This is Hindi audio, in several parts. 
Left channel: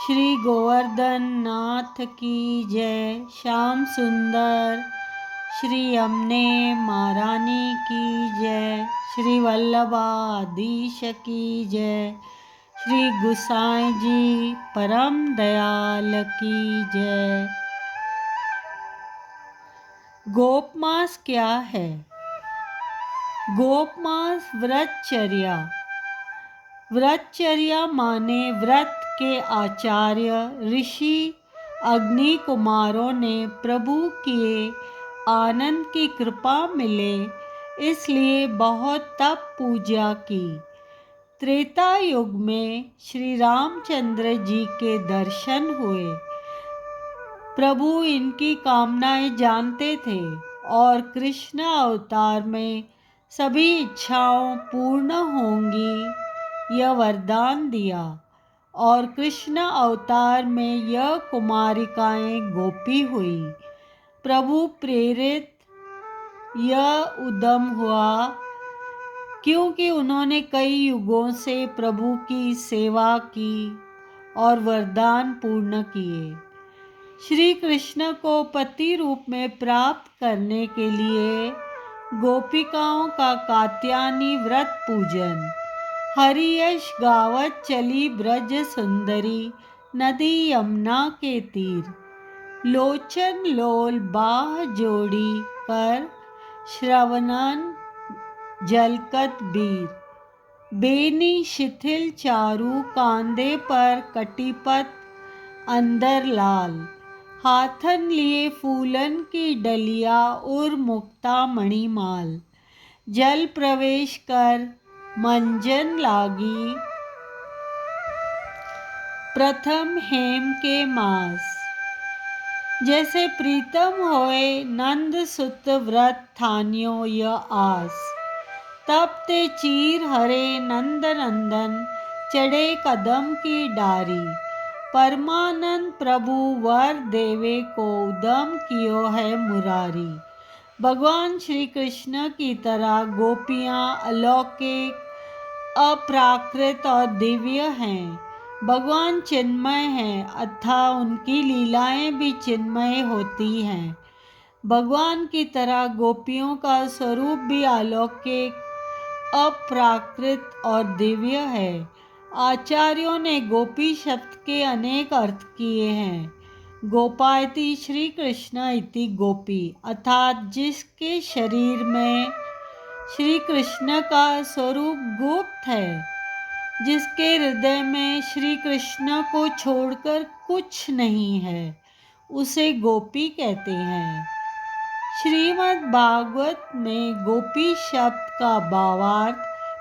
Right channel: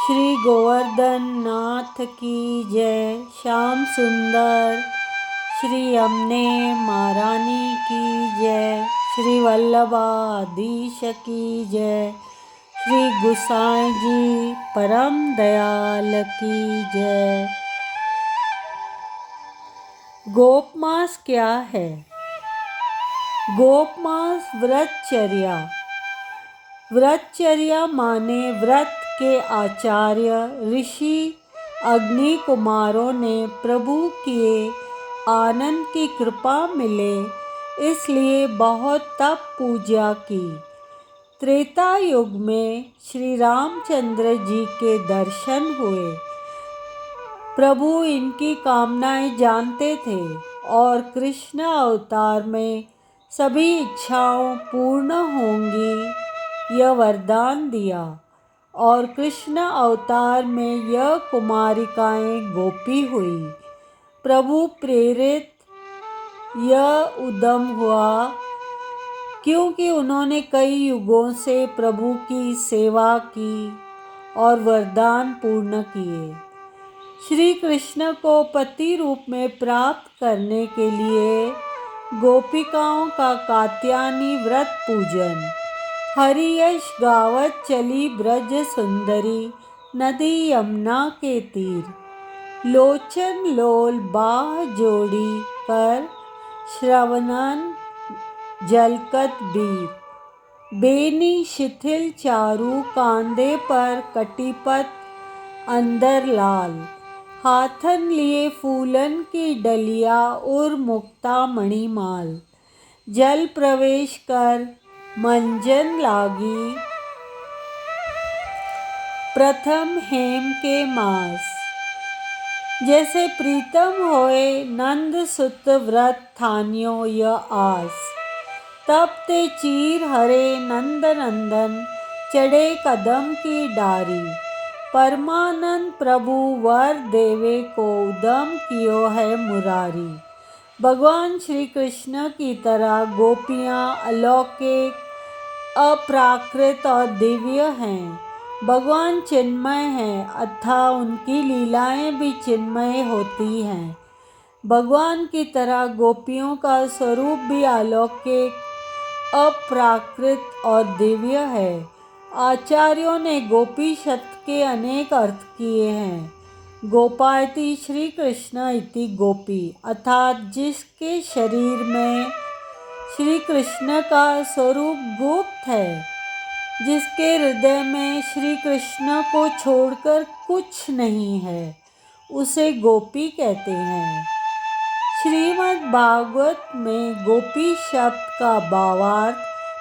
श्री गोवर्धन नाथ की जय। श्याम सुंदर श्री यमुने महारानी की जय। श्री वल्लभाधीश की जय। श्री गुसाई जी परम दयाल की जय। गोप मास क्या है? गोप मास व्रतचर्या। व्रतचर्या माने व्रत के आचार्य ऋषि अग्नि कुमारों ने प्रभु के आनंद की कृपा मिले इसलिए बहुत तप पूजा की। त्रेता युग में श्री रामचंद्र जी के दर्शन हुए। प्रभु इनकी कामनाएं जानते थे और कृष्ण अवतार में सभी इच्छाओं पूर्ण होंगी यह वरदान दिया और कृष्ण अवतार में यह कुमारिकाएं गोपी हुई। प्रभु प्रेरित यह उद्यम हुआ क्योंकि उन्होंने कई युगों से प्रभु की सेवा की और वरदान पूर्ण किए। श्री कृष्ण को पति रूप में प्राप्त करने के लिए गोपिकाओं का कात्यायनी व्रत पूजन। हरियश गावत चली ब्रज सुंदरी नदी यमुना के तीर। लोचन लोल बाह जोड़ी कर श्रवणन जलकत बीर। बेनी शिथिल चारु कांधे पर कटिपत अंदर लाल। हाथन लिए फूलन की डलिया और मुक्ता मणिमाल। जल प्रवेश कर मंजन लागी प्रथम हेम के मास। जैसे प्रीतम होए नंद सुत व्रत ठानियो यह आस। तब ते चीर हरे नंद नंदन चढ़े कदम की डारी। परमानंद प्रभु वर देवे को उदम कियो है मुरारी। भगवान श्री कृष्ण की तरह गोपियाँ अलौकिक, अप्राकृत और दिव्य हैं। भगवान चिन्मय हैं अतः उनकी लीलाएं भी चिन्मय होती हैं। भगवान की तरह गोपियों का स्वरूप भी अलौकिक, अप्राकृत और दिव्य है। आचार्यों ने गोपी शब्द के अनेक अर्थ किए हैं। गोपायति श्री कृष्ण इति गोपी अर्थात जिसके शरीर में श्री कृष्ण का स्वरूप गुप्त है, जिसके हृदय में श्री कृष्ण को छोड़कर कुछ नहीं है, उसे गोपी कहते हैं। श्रीमद् भागवत में गोपी शब्द का भावार्थ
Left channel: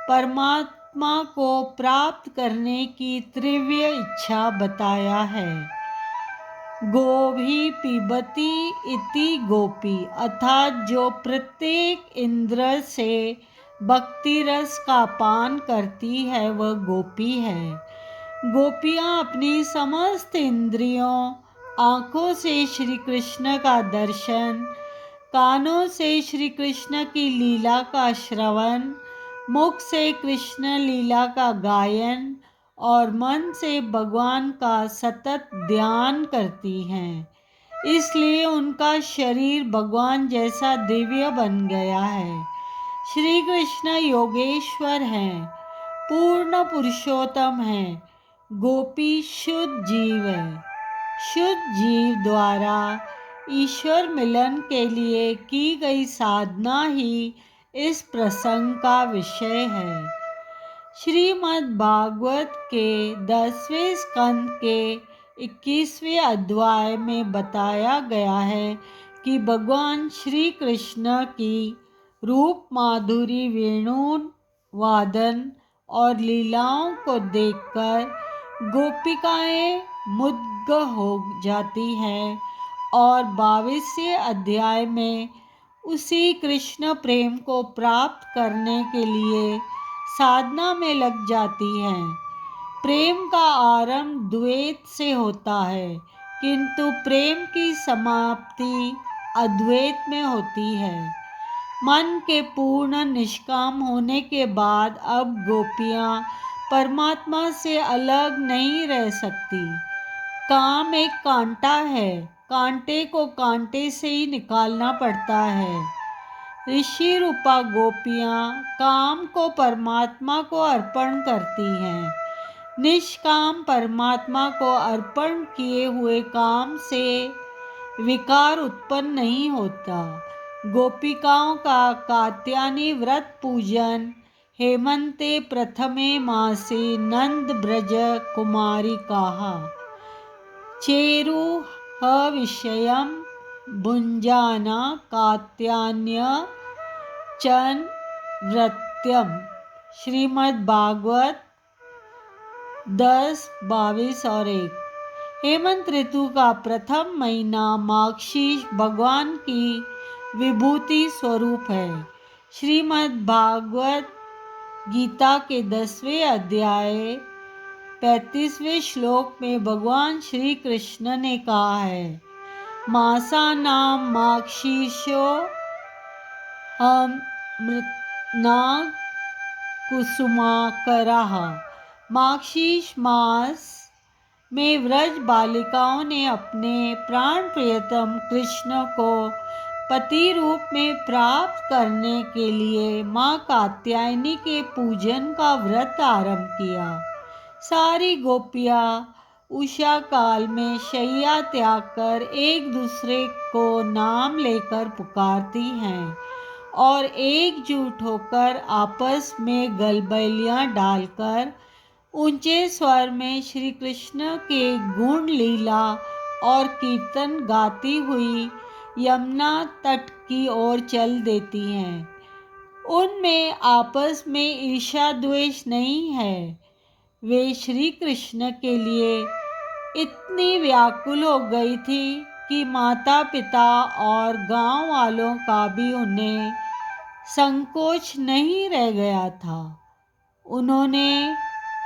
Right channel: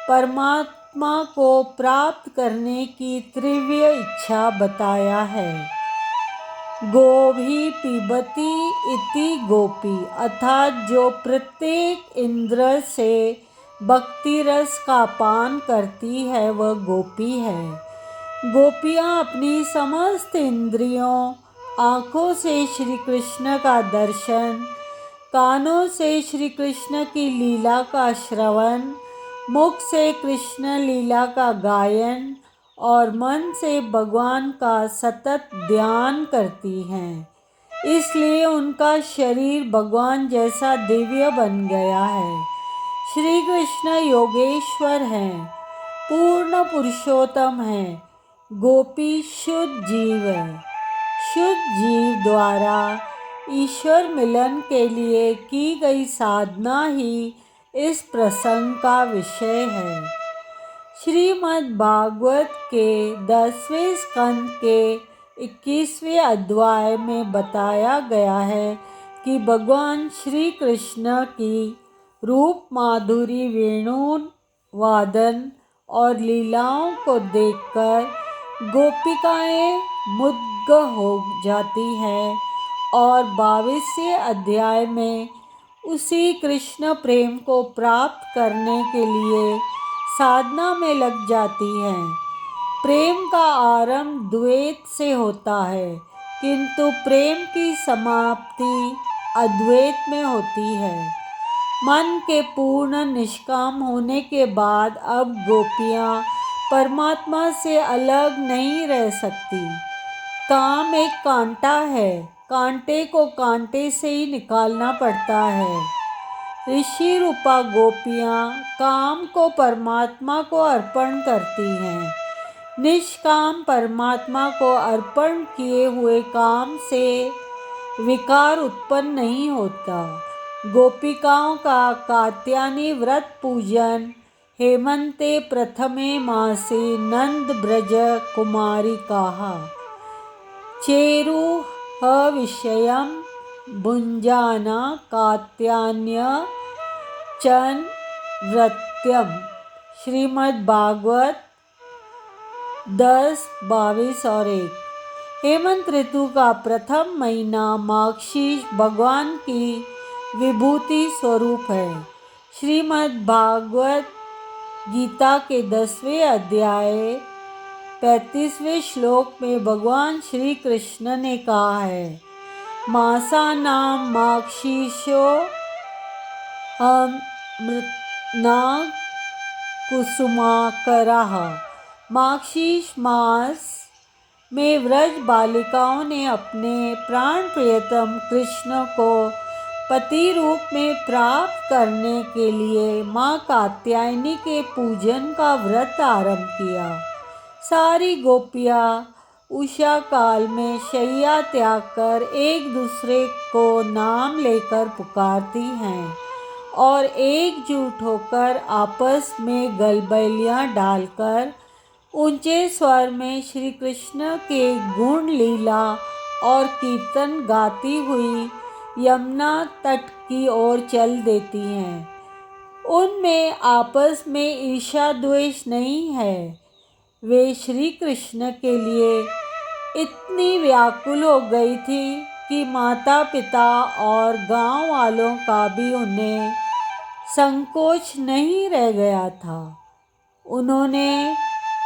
परमात्मा को प्राप्त करने की तीव्र इच्छा बताया है। गोभी पिबती इति गोपी अर्थात जो प्रत्येक इंद्र से भक्ति रस का पान करती है वह गोपी है। गोपियाँ अपनी समस्त इंद्रियों, आँखों से श्री कृष्ण का दर्शन, कानों से श्री कृष्ण की लीला का श्रवण, मुख से कृष्ण लीला का गायन और मन से भगवान का सतत ध्यान करती हैं। इसलिए उनका शरीर भगवान जैसा दिव्य बन गया है। श्री कृष्ण योगेश्वर हैं, पूर्ण पुरुषोत्तम हैं। गोपी शुद्ध जीव है। शुद्ध जीव द्वारा ईश्वर मिलन के लिए की गई साधना ही इस प्रसंग का विषय है। श्रीमद् भागवत के 10वें स्कंद के 21वें अध्याय में बताया गया है कि भगवान श्री कृष्ण की रूप माधुरी, वेणु वादन और लीलाओं को देखकर गोपिकाएं मुग्ध हो जाती हैं और 22वें अध्याय में उसी कृष्ण प्रेम को प्राप्त करने के लिए साधना में लग जाती हैं। प्रेम का आरंभ द्वैत से होता है किंतु प्रेम की समाप्ति अद्वैत में होती है। मन के पूर्ण निष्काम होने के बाद अब गोपियाँ परमात्मा से अलग नहीं रह सकती। काम एक कांटा है, कांटे को कांटे से ही निकालना पड़ता है। ऋषि रूपा गोपियाँ काम को परमात्मा को अर्पण करती हैं। निष्काम परमात्मा को अर्पण किए हुए काम से विकार उत्पन्न नहीं होता। गोपिकाओं का कात्यायनी व्रत पूजन हेमंते प्रथमे मासे नंद ब्रज कुमारी कहा चेरु विषयम भुंजाना कात्यायन्य चन व्रत्यम। श्रीमद् भागवत 10, 22 और 1। हेमंत ऋतु का प्रथम महीना माघशीष भगवान की विभूति स्वरूप है। श्रीमद् भागवत गीता के 10वें अध्याय 35वें श्लोक में भगवान श्री कृष्ण ने कहा है, मासानां माघशीर्षो नाग कुसुमाकरः। माघशीर्ष मास में व्रज बालिकाओं ने अपने प्राण प्रियतम कृष्ण को पति रूप में प्राप्त करने के लिए माँ कात्यायनी के पूजन का व्रत आरंभ किया। सारी गोपियाँ उषा काल में शैया त्याग कर एक दूसरे को नाम लेकर पुकारती हैं और एकजुट होकर आपस में गलबैलियाँ डालकर ऊंचे स्वर में श्री कृष्ण के गुण लीला और कीर्तन गाती हुई यमुना तट की ओर चल देती हैं। उनमें आपस में ईर्ष्या द्वेष नहीं है। वे श्री कृष्ण के लिए इतनी व्याकुल हो गई थी कि माता पिता और गांव वालों का भी उन्हें संकोच नहीं रह गया था। उन्होंने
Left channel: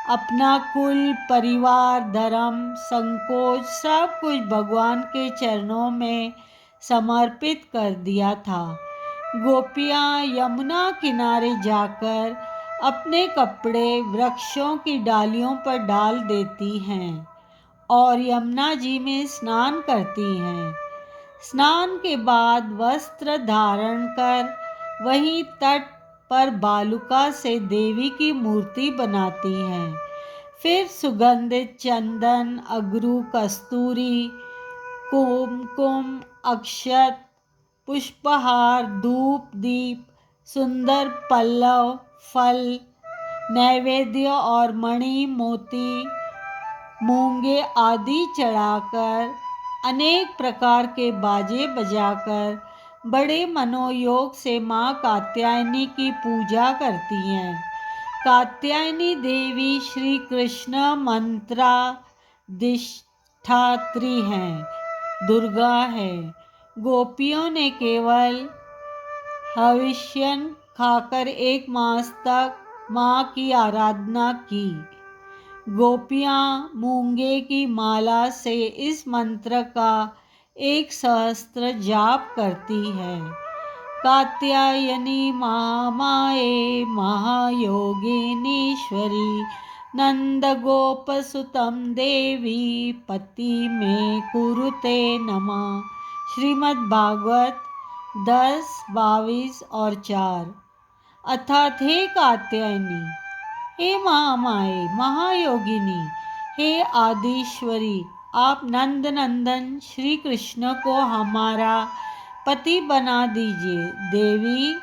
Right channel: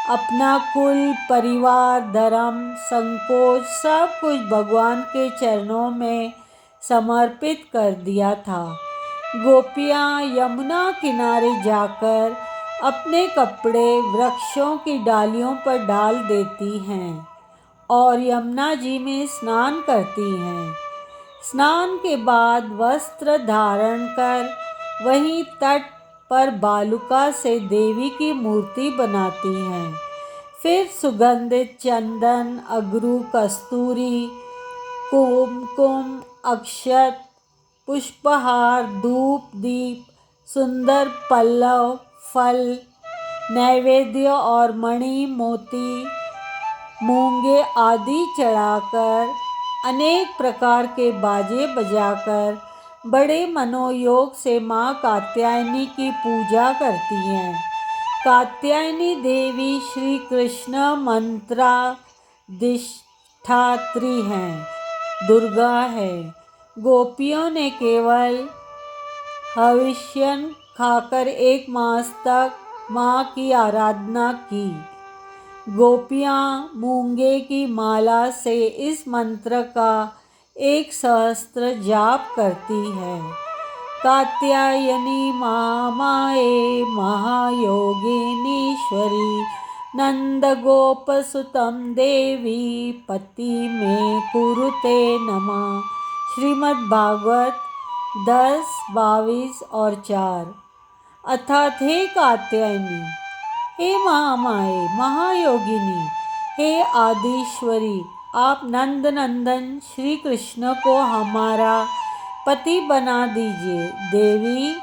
अपना कुल, परिवार, धर्म, संकोच सब कुछ भगवान के चरणों में समर्पित कर दिया था। गोपियाँ यमुना किनारे जाकर अपने कपड़े वृक्षों की डालियों पर डाल देती हैं और यमुना जी में स्नान करती हैं। स्नान के बाद वस्त्र धारण कर वहीं तट पर बालुका से देवी की मूर्ति बनाती हैं। फिर सुगंधित चंदन, अगरू, कस्तूरी, कुमकुम, अक्षत, पुष्पहार, धूप, दीप, सुंदर पल्लव, फल, नैवेद्य और मणि, मोती, मूंगे आदि चढ़ाकर अनेक प्रकार के बाजे बजाकर बड़े मनोयोग से माँ कात्यायनी की पूजा करती हैं। कात्यायनी देवी श्री कृष्ण मंत्राधिष्ठात्री हैं, दुर्गा है। गोपियों ने केवल हविष्यन खाकर 1 मास तक माँ की आराधना की। गोपियाँ मूंगे की माला से इस मंत्र का 1 सहस्त्र जाप करती है। कात्यायनी महामाये महायोगिनीश्वरी नंदगोपसुतं देवी पति में कुरुते नमः। श्रीमद् भागवत 10, 22 और 4। अर्थात हे कात्यायनी, हे महामाये, महायोगिनी, हे आदिश्वरी, आप नंद नंदन श्री कृष्ण को हमारा पति बना दीजिए। देवी,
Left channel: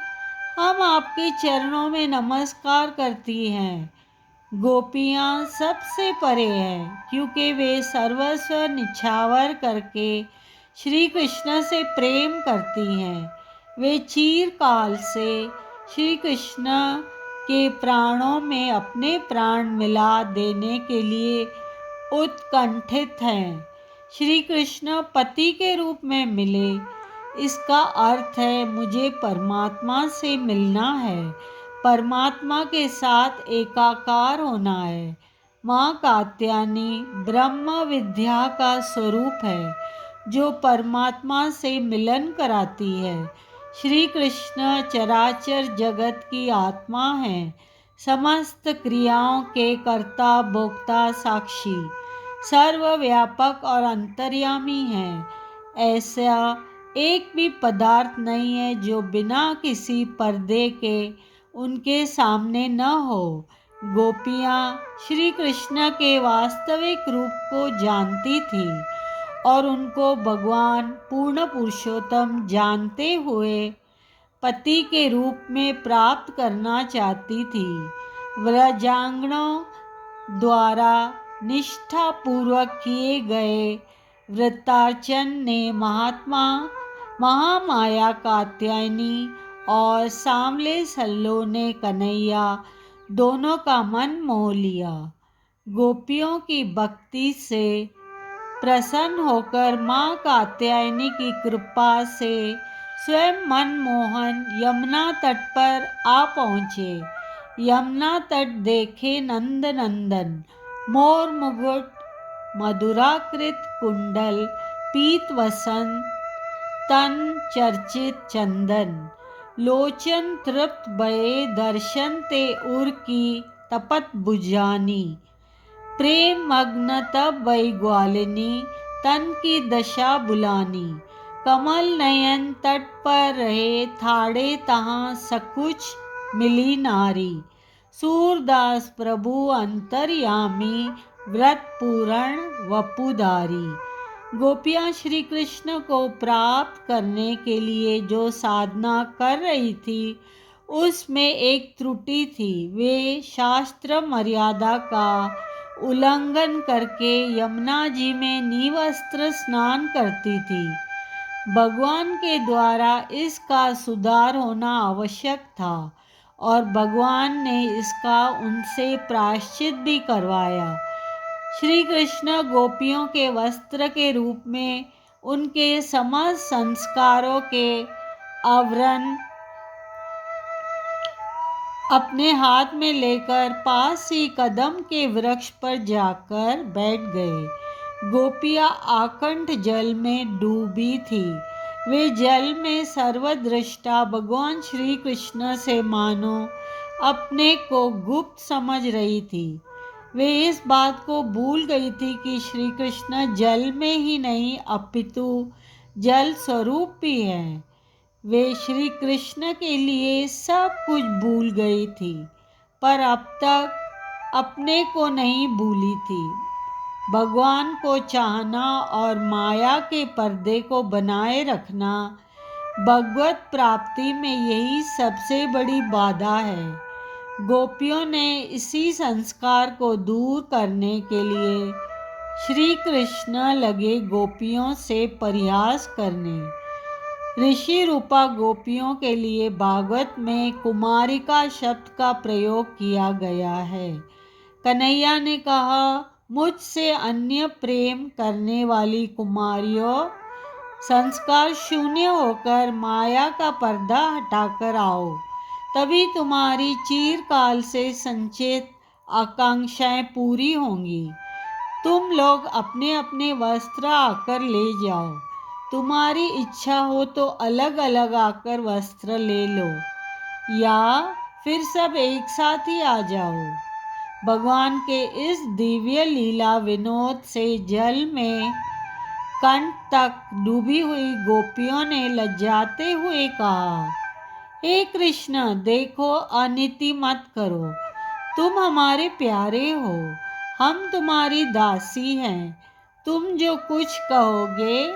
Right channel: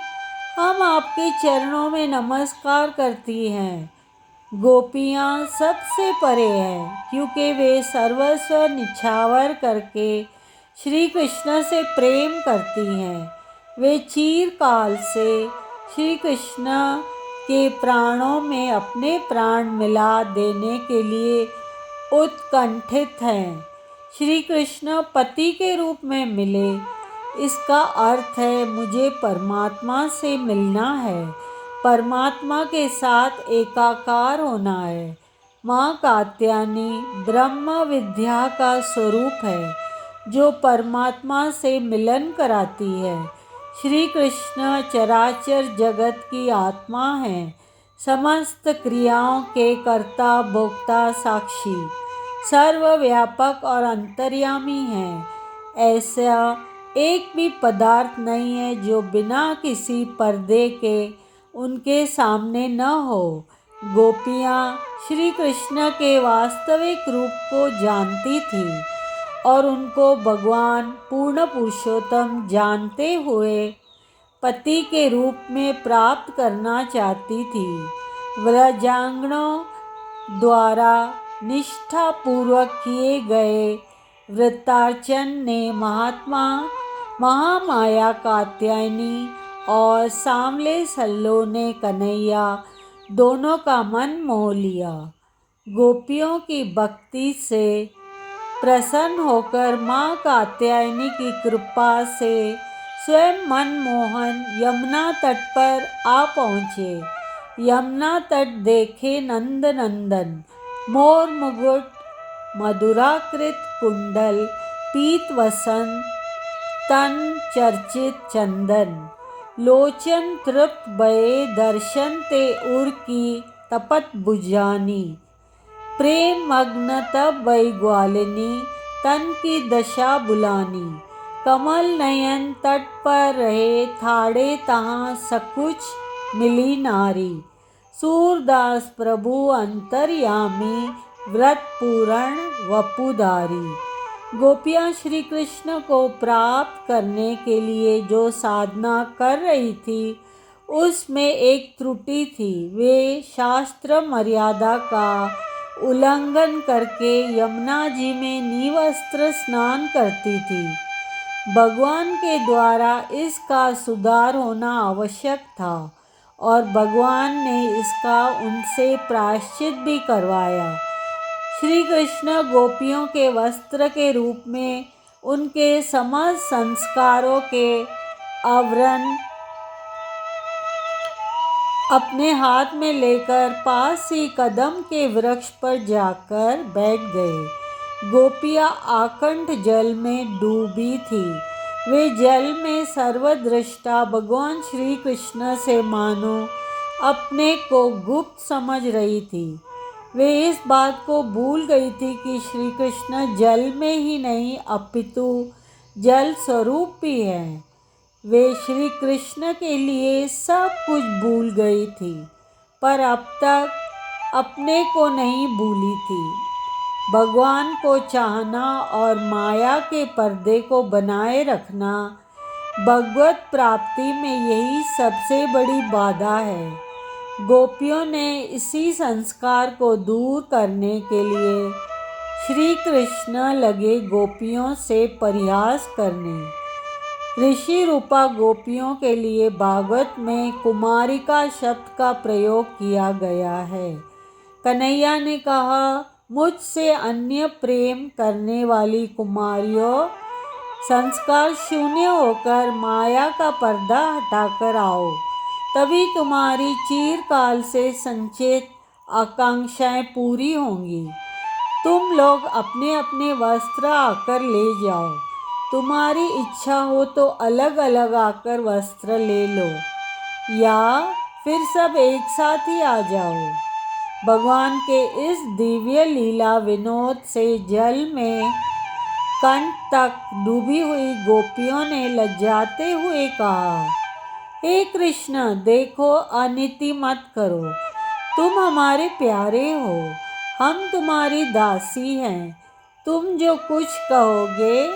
हम आपके चरणों में नमस्कार करती हैं। गोपियाँ सबसे परे हैं क्योंकि वे सर्वस्व निछावर करके श्री कृष्ण से प्रेम करती हैं। वे चिरकाल से श्री कृष्ण के प्राणों में अपने प्राण मिला देने के लिए उत्कंठित हैं। श्री कृष्ण पति के रूप में मिले, इसका अर्थ है मुझे परमात्मा से मिलना है, परमात्मा के साथ एकाकार होना है। माँ कात्यायनी ब्रह्म विद्या का स्वरूप है जो परमात्मा से मिलन कराती है। श्री कृष्ण चराचर जगत की आत्मा है, समस्त क्रियाओं के कर्ता भोक्ता साक्षी। सर्वव्यापक और अंतर्यामी हैं। ऐसा एक भी पदार्थ नहीं है जो बिना किसी पर्दे के उनके सामने न हो। गोपियाँ श्री कृष्ण के वास्तविक रूप को जानती थीं और उनको भगवान पूर्ण पुरुषोत्तम जानते हुए पति के रूप में प्राप्त करना चाहती थी। व्रजांगणों द्वारा निष्ठापूर्वक किए गए व्रतार्चन ने महामाया कात्यायनी और सांवले सल्लो ने कन्हैया दोनों का मन मोह लिया। गोपियों की भक्ति से प्रसन्न होकर माँ कात्यायनी की कृपा से स्वयं मनमोहन यमुना तट पर आ पहुँचे। यमुना तट देखे नंद नंदन, मोर मुकुट, मधुराकृत कुंडल, पीत वसन, तन चर्चित चंदन, लोचन तृप्त भये, दर्शन ते उर की तपत भुजानी, प्रेम मग्न तब वही ग्वालिनी, तन की दशा बुलानी, कमल नयन तट पर रहे, थाड़े तहाँ सकुच मिली नारी, सूरदास प्रभु अंतर्यामी, व्रत पूरण वपुधारी। गोपियाँ श्री कृष्ण को प्राप्त करने के लिए जो साधना कर रही थी उसमें एक त्रुटि थी। वे शास्त्र मर्यादा का उल्लंघन करके यमुना जी में निवस्त्र स्नान करती थी। भगवान के द्वारा इसका सुधार होना आवश्यक था और भगवान ने इसका उनसे प्रायश्चित भी करवाया। श्री कृष्ण गोपियों के वस्त्र के रूप में उनके समस्त संस्कारों के आवरण अपने हाथ में लेकर पास ही कदम के वृक्ष पर जाकर बैठ गए। गोपियाँ आकंठ जल में डूबी थी। वे जल में सर्वदृष्टा भगवान श्री कृष्ण से मानो अपने को गुप्त समझ रही थी। वे इस बात को भूल गई थी कि श्री कृष्ण जल में ही नहीं अपितु जल स्वरूप भी है। वे श्री कृष्ण के लिए सब कुछ भूल गई थी, पर अब तक अपने को नहीं भूली थी। भगवान को चाहना और माया के पर्दे को बनाए रखना भगवत प्राप्ति में यही सबसे बड़ी बाधा है। गोपियों ने इसी संस्कार को दूर करने के लिए श्री कृष्ण लगे गोपियों से परिहास करने। ऋषि रूपा गोपियों के लिए भागवत में कुमारिका शब्द का प्रयोग किया गया है। कन्हैया ने कहा, मुझसे अन्य प्रेम करने वाली कुमारियों, संस्कार शून्य होकर माया का पर्दा हटाकर आओ, तभी तुम्हारी चिरकाल से संचित आकांक्षाएं पूरी होंगी। तुम लोग अपने अपने वस्त्र आकर ले जाओ। तुम्हारी इच्छा हो तो अलग अलग आकर वस्त्र ले लो या फिर सब एक साथ ही आ जाओ। भगवान के इस दिव्य लीला विनोद से जल में कंठ तक डूबी हुई गोपियों ने लज्जाते हुए कहा, हे कृष्ण, देखो, अनीति मत करो। तुम हमारे प्यारे हो, हम तुम्हारी दासी हैं। तुम जो कुछ कहोगे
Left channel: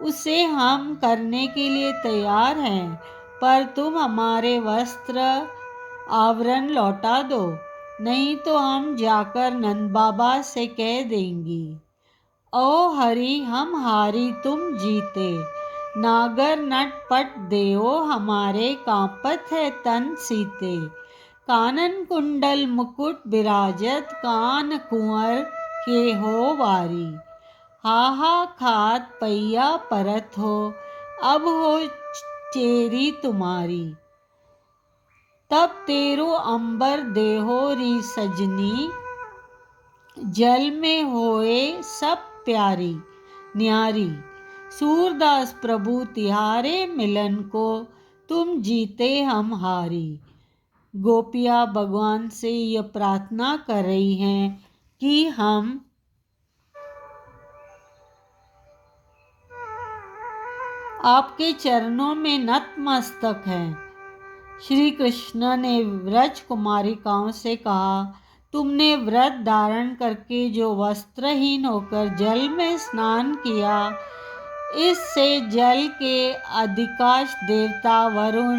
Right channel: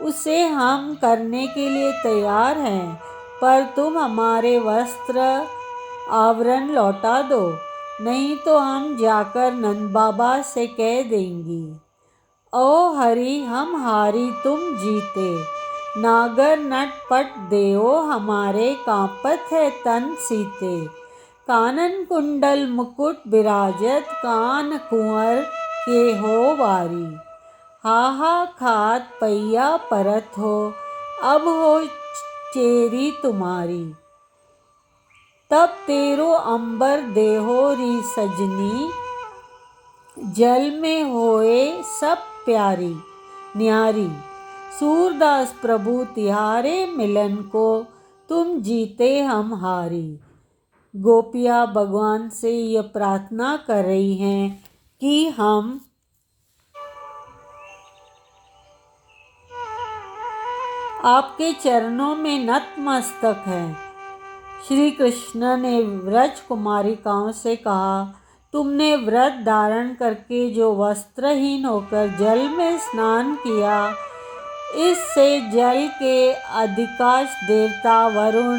उसे हम करने के लिए तैयार हैं, पर तुम हमारे वस्त्र आवरण लौटा दो, नहीं तो हम जाकर नंद बाबा से कह देंगी, ओ हरि, हम हारी तुम जीते। नागर नट पट देओ, हमारे कांपत है तन सीते। कानन कुंडल मुकुट विराजत, कान कुंवर के हो वारी। हाहा खात पैया परत हो, अब हो चेरी तुम्हारी। तब तेरो अंबर देहो री सजनी, जल में होए सब प्यारी न्यारी। सूरदास प्रभु तिहारे मिलन को, तुम जीते हम हारी। गोपियाँ भगवान से यह प्रार्थना कर रही हैं कि हम आपके चरणों में नतमस्तक हैं। श्री कृष्ण ने व्रज कुमारिकाओं से कहा, तुमने व्रत धारण करके जो वस्त्रहीन होकर जल में स्नान किया, इससे जल के अधिकांश देवता वरुण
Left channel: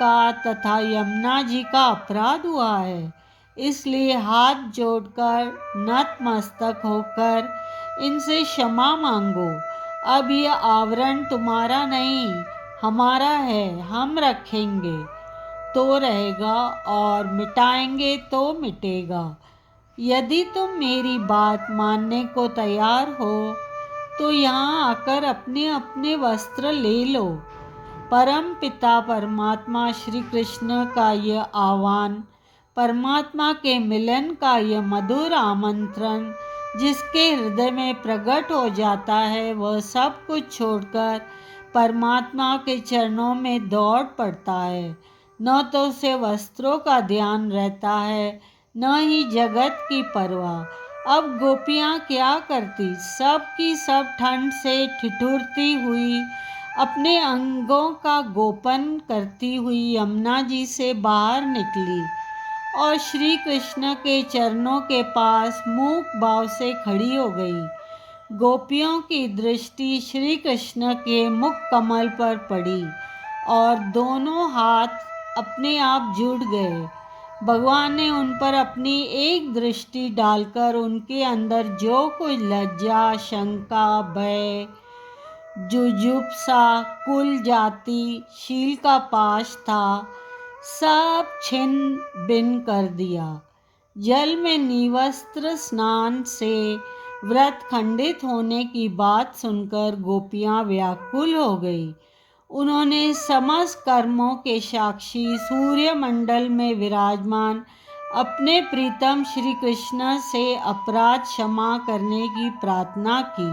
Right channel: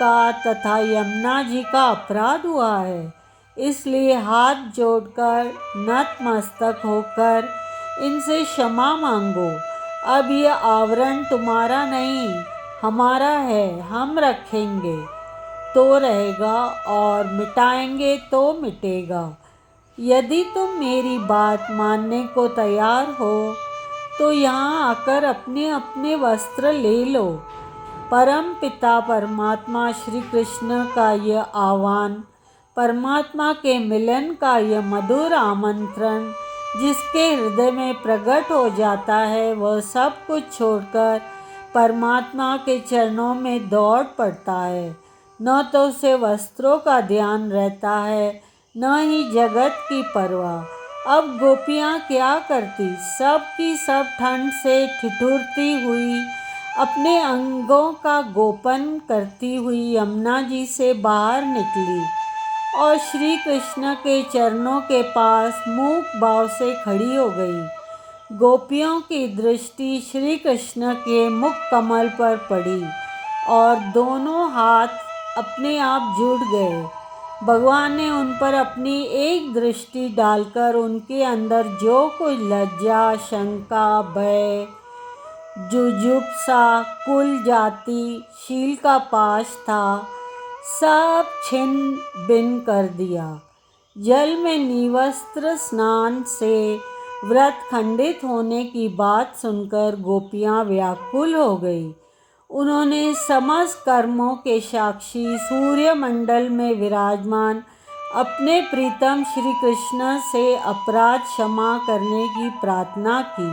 का तथा यमुना जी का अपराध हुआ है। इसलिए हाथ जोड़कर नतमस्तक होकर इनसे क्षमा मांगो। अब यह आवरण तुम्हारा नहीं, हमारा है। हम रखेंगे तो रहेगा और मिटाएंगे तो मिटेगा। यदि तुम मेरी बात मानने को तैयार हो तो यहाँ आकर अपने अपने वस्त्र ले लो। परम पिता परमात्मा श्री कृष्ण का यह आह्वान, परमात्मा के मिलन का यह मधुर आमंत्रण जिसके हृदय में प्रकट हो जाता है, वह सब कुछ छोड़कर परमात्मा के चरणों में दौड़ पड़ता है। न तो उसे वस्त्रों का ध्यान रहता है, न ही जगत की परवाह। अब गोपियाँ क्या करती, सब की सब ठंड से ठिठुरती हुई अपने अंगों का गोपन करती हुई यमुना जी से बाहर निकली और श्री कृष्ण के चरणों के पास मूक भाव से खड़ी हो गई। गोपियों की दृष्टि श्री कृष्ण के मुख कमल पर पड़ी और दोनों हाथ अपने आप जुड़ गए। भगवान ने उन पर अपनी एक दृष्टि डालकर उनके अंदर जो कुछ लज्जा, शंका, भय, जुजुप्सा, कुल जाति, शील का पाश था, सब छिन्न भिन्न कर दिया। जल में निवस्त्र स्नान से व्रत खंडित होने की बात सुनकर गोपियाँ व्याकुल हो गई। उन्होंने समस्त कर्मों के साक्षी सूर्य मंडल में विराजमान अपने प्रीतम श्री कृष्ण से अपराध क्षमा करने की प्रार्थना की।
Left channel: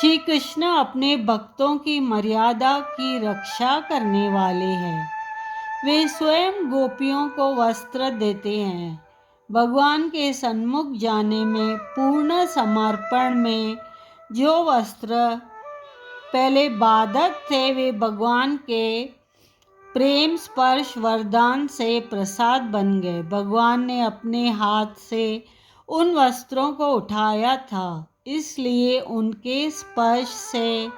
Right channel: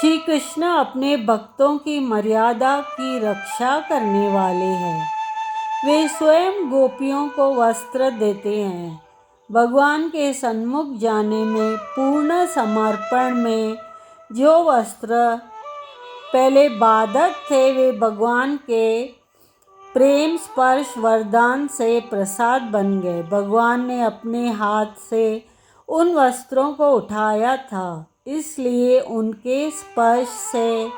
श्री कृष्ण अपने भक्तों की मर्यादा की रक्षा करने वाले हैं। वे स्वयं गोपियों को वस्त्र देते हैं। भगवान के सन्मुख जाने में पूर्ण समर्पण में जो वस्त्र पहले बाधक थे, वे भगवान के प्रेम स्पर्श वरदान से प्रसाद बन गए। भगवान ने अपने हाथ से उन वस्त्रों को उठाया था, इसलिए उनके स्पर्श से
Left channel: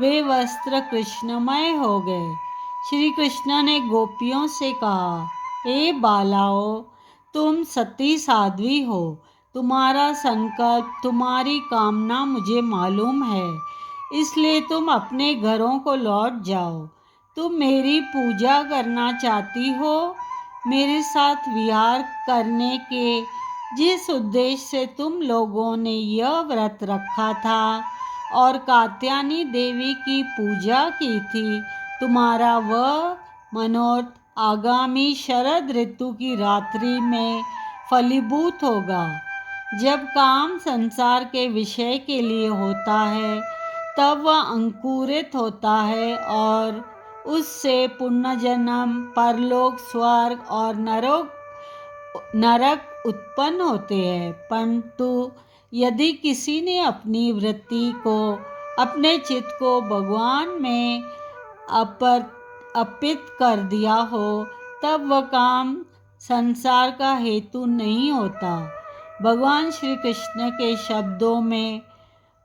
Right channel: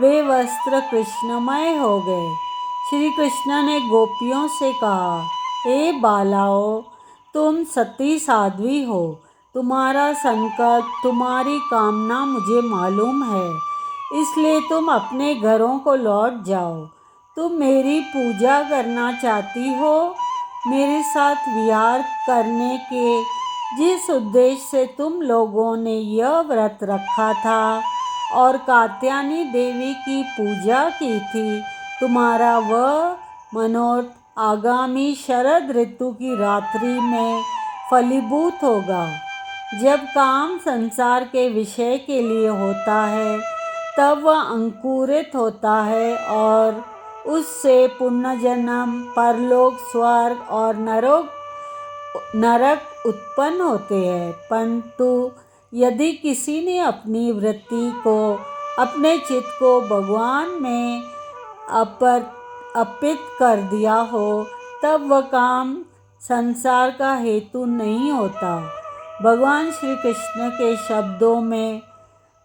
वे वस्त्र कृष्णमय हो गए। श्री कृष्ण ने गोपियों से कहा, हे बालाओ, तुम सती साध्वी हो। तुम्हारा संकल्प, तुम्हारी कामना मुझे मालूम है, इसलिए तुम अपने घरों को लौट जाओ। तुम मेरी पूजा करना चाहती हो। मेरे साथ विहार करने के जिस उद्देश्य से तुम लोगों ने यह व्रत रखा था और कात्यायनी देवी की पूजा की थी, तुम्हारा वह मनोरथ आगामी शरद ऋतु की रात्रि में फलीभूत होगा। जब काम संसार के विषय के लिए होता है, तब वह अंकुरित होता है और उससे पुनर्जन्म, परलोक, स्वर्ग और नरक उत्पन्न होते हैं। परंतु यदि किसी ने अपनी वृत्ति को, अपने चित्त को भगवान में अर्पित कर दिया हो, तब वह काम संसार का हेतु नहीं होता। भगवान श्री कृष्ण के शब्दों में,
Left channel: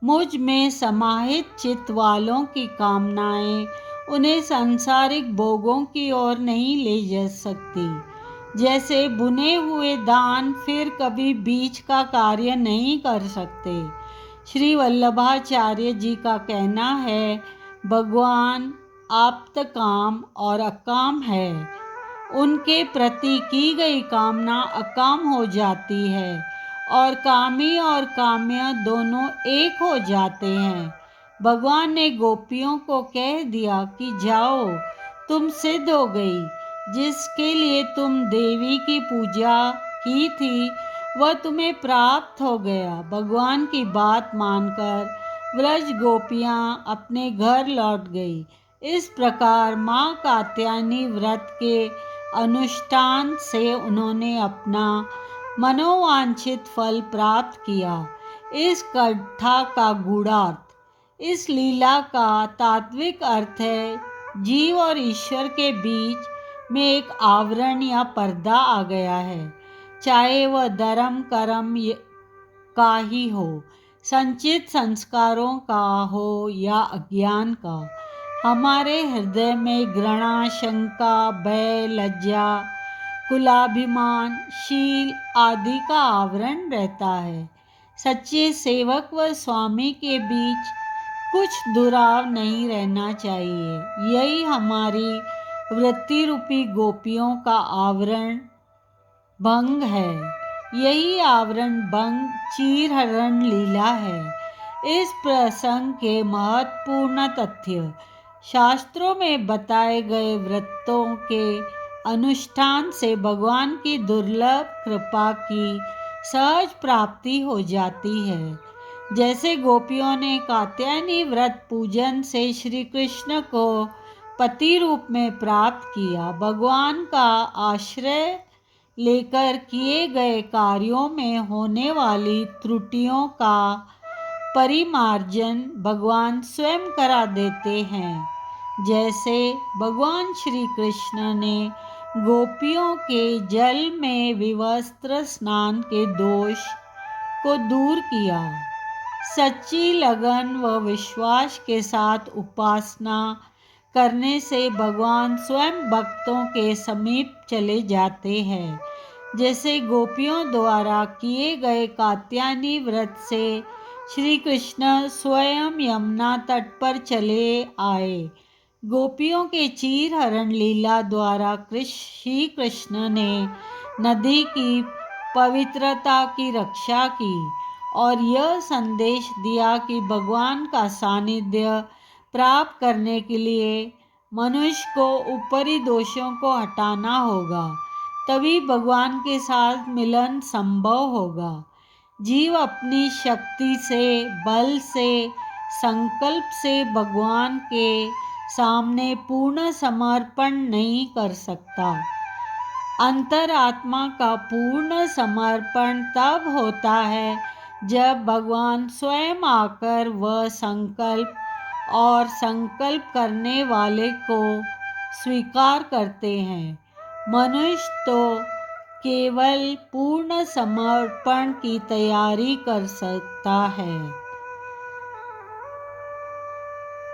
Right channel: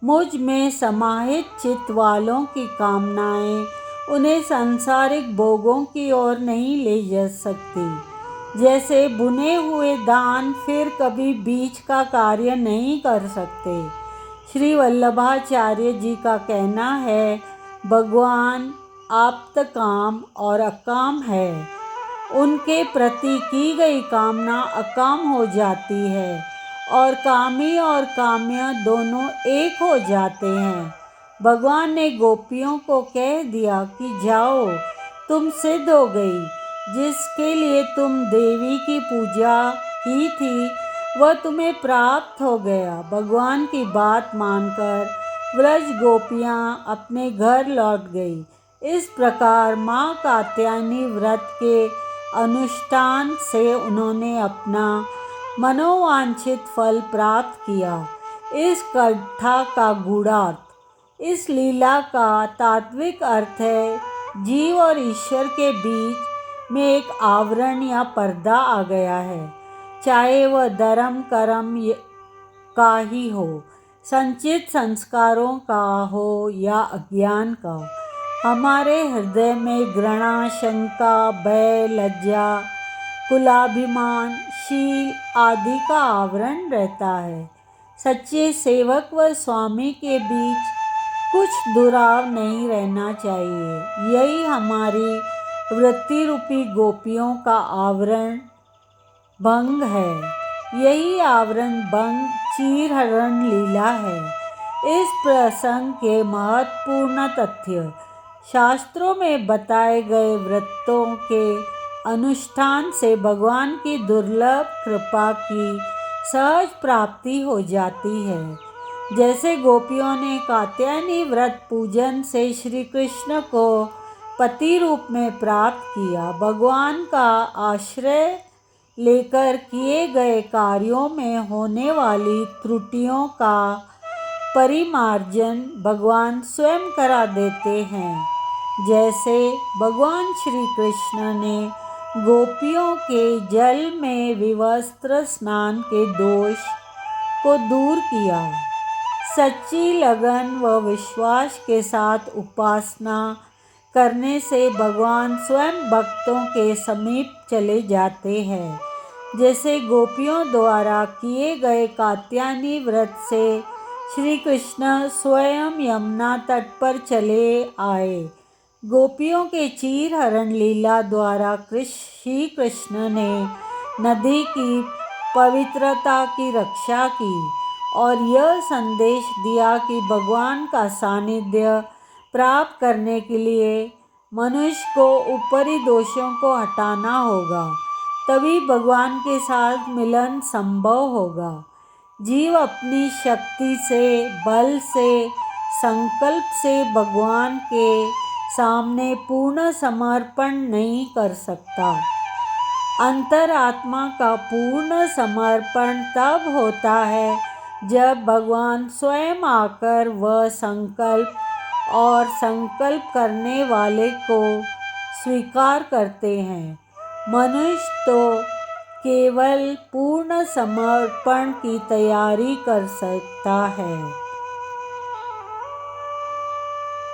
मुझ में समाहित चित्त वालों की कामनाएं उन्हें सांसारिक भोगों की ओर नहीं ले जा सकती। जैसे बुने हुए धान फिर कभी बीज का कार्य नहीं कर सकते। श्री वल्लभाचार्य जी का कहना है, भगवान आप्त काम और अकाम है। उनके प्रति की गई कामना अकाम हो जाती है और कामी और काम्य दोनों एक हो जाते हैं। भगवान ने गोपियों को कह दिया कि जाओ, तुम सिद्ध हो गई। जिसके लिए तुम देवी की पूजा की थी, वह तुम्हें प्राप्त हो गया। भगवान की बात मानकर व्रज गोपियाँ अपने घर लौट गई। इस प्रकार माँ कात्यायनी व्रत के अनुष्ठान से उन्होंने अपना मनोवांछित फल प्राप्त किया। इस कथा का गूढ़ार्थ, इस लीला का तात्विक अर्थ है जीव और ईश्वर के बीच में एक आवरण या पर्दा आ गया है, चाहे वह धर्म कर्म का ही हो, संचित संस्कारों का हो या अज्ञान का। हमारे हृदय में घृणा, शंका, भय, लज्जा, कुलाभिमान, शील आदि का आवरण रहता है। सच्चे सेवक व स्वामी के बीच कुछ दुराव नहीं रहना चाहिए। यही हमारी वृत्ति रूपी गोपियों का आवरण भंग है। यही आवरण भंग चीरहरण लीला है। इस प्रसंग के महत्वपूर्ण तथ्य शास्त्रों में बताए गए व्रतों के अनुष्ठान से भगवान की दुर्लभ कृपा की सहज प्राप्ति हो जाती है। जैसे गोपियों ने कात्यायनी व्रत पूजन से श्री कृष्ण को पति रूप में प्राप्त किया, भगवान का आश्रय लेकर किए गए कार्यों में होने वाली त्रुटियों का परिमार्जन भगवान स्वयं करा देते हैं। जैसे भगवान श्री कृष्ण ने गोपियों के जल में विवस्त्र स्नान के दोष को दूर किया। सच्ची लगन व विश्वास के साथ उपासना करने से भगवान स्वयं भक्तों के समीप चले जाते हैं। जैसे गोपियों द्वारा किए गए कात्यायनी व्रत से श्री कृष्ण स्वयं यमुना तट पर चले आए। गोपियों के चीरहरण लीला द्वारा श्री कृष्ण ने नदी की पवित्रता की रक्षा की और यह संदेश दिया कि भगवान का सानिध्य प्राप्त करने के लिए मनुष्य को ऊपरी दोषों को हटाना होगा, तभी भगवान के साथ मिलन संभव होगा। जीव अपनी शक्ति से, बल से, संकल्प से भगवान के सामने पूर्ण समर्पण नहीं कर सकता। अंतरात्मा का पूर्ण समर्पण तब होता है जब भगवान स्वयं आकर वह संकल्प और संकल्प करने वाले को स्वीकार करते हैं। मनुष्य तो केवल पूर्ण समर्पण की तैयारी कर सकता है।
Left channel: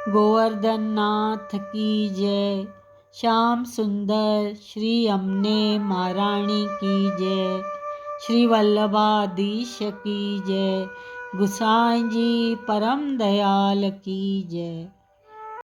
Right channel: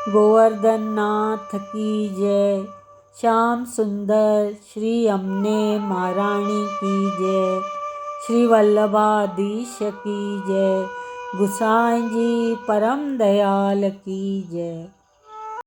गोवर्धन नाथ की जय। श्याम सुंदर श्री यमुने महारानी की जय। श्री वल्लभाधीश की जय। गुसाई जी परम दयाल की जय।